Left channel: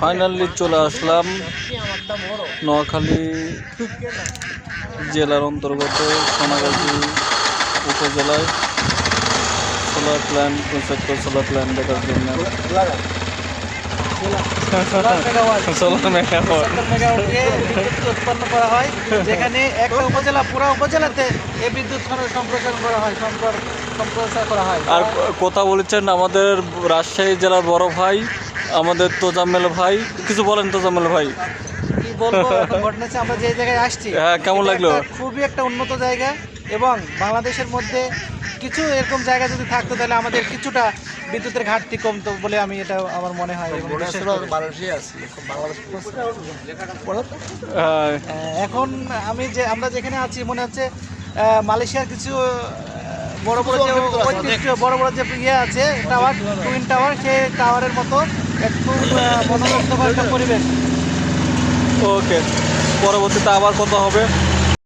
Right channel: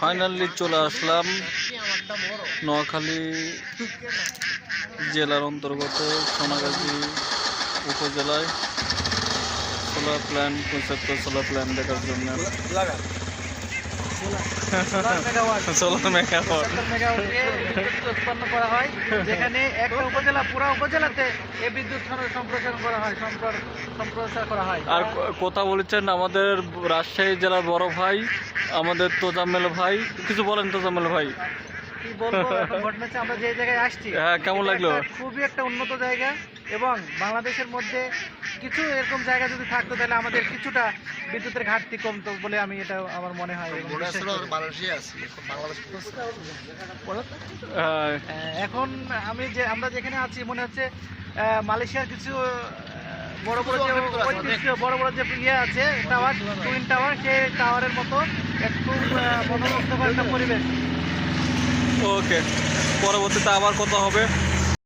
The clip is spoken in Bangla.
ফাইনালি চলে আসলাম নোয়াখালী জেলার অন্তর্গত সোনাগাজী উপজেলায় solar plant concept solar plant দেখার জন্য। উৎপন্ন করা হয়, যেখানে একটা উপজেলা পুরো উপজেলাতে এই বিদ্যুৎ সম্প্রসারণ করা হয়, সম্প্রসার করা হয়। আর কথা বলেছেন আমাদের রাজশাহী জেলার বড় ভাই আমাদের তোজাম্মেল ভাই, কিছু বলেন তোজাম্মেল ভাই। কি বলবো, ঘটনা হচ্ছে আমরা যে জায়গায় আসছি, হ্যাঁ, কেমন লাগলো? খুবই একটা উন্নত জায়গা, এবং বাংলাদেশের মধ্যে কিছু এরকম জায়গা যদি থাকতো তাহলে আমাদের কিছুটা বিদ্যুতের ঘাটতি কমতো বলে আমি এটা আমার মনে হয়। এখন আমরা যেখানে আছি মনে হচ্ছে মালয়েশিয়ার কিছু বড় বড় যে ইয়ে আছে টাওয়ার, টুইন টাওয়ার, সেই টাওয়ারের মতো একটু মনোরঞ্জনকর পরিবেশ। ওকে, পরবর্তীতে আবার কথা হবে।